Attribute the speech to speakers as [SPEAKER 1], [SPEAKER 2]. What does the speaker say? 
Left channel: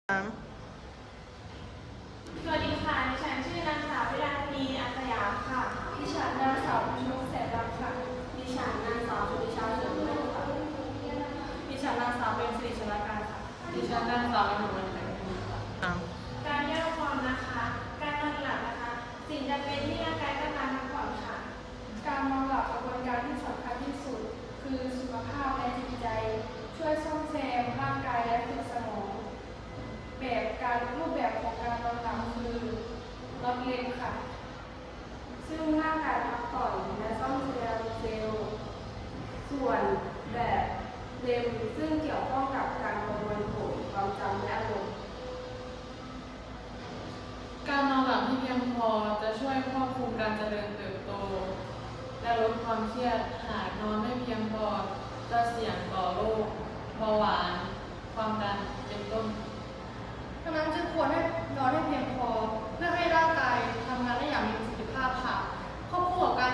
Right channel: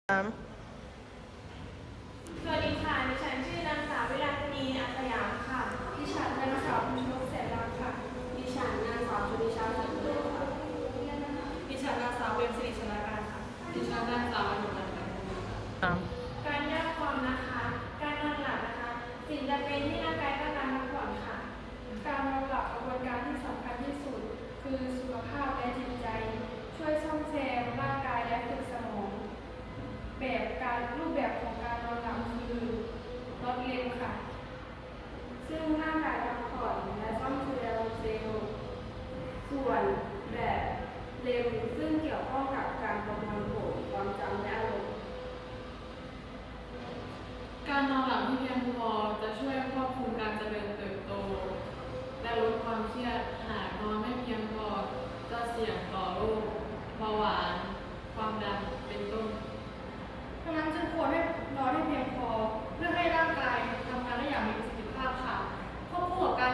[SPEAKER 1] สวัสดีค่ะดิฉันชื่อนางสาววิลาสินีอัสยามค่ะดิฉันนางสาวพิมพ์นกแสนดำค่ะดิฉันนางสาวชุติชาเฉินเลิศค่ะดิฉันนางสาวเบญสิริชลการค่ะดิฉันนางสาวอนุวัฒน์การแยกความนะคะ การนอนหลับนะคะ สิ่งจำเป็นที่ร่างกายต้องการพักผ่อนค่ะ การนอนหลับกระบวนการที่สำคัญที่สุด คือสุขภาพและจิตใจ ช่วยซ่อมแซมร่างกายและฝึกสมอง รูปแบบของการนอนหลับคือน็อตเลมค่ะซึ่งร่างกายพักผ่อนและซ่อมแซมเซลล์ส่วนแบบเลมซึ่งเกี่ยวข้องกับการประมวลผลความจำและอารมณ์
[SPEAKER 2] การนอนหลับที่เพียงพอจะช่วยควบคุมการเจริญเติบโตและลดความเครียดหากนอนไม่เพียงพอจะเสี่ยงต่อโรคเบาหวานความดันเป็นต้น
[SPEAKER 1] ดังนั้นจึงควรให้นอนให้เพียงพอเพื่อให้ร่างกายทำงานได้อย่างมีประสิทธิภาพค่ะควบคู่กับการ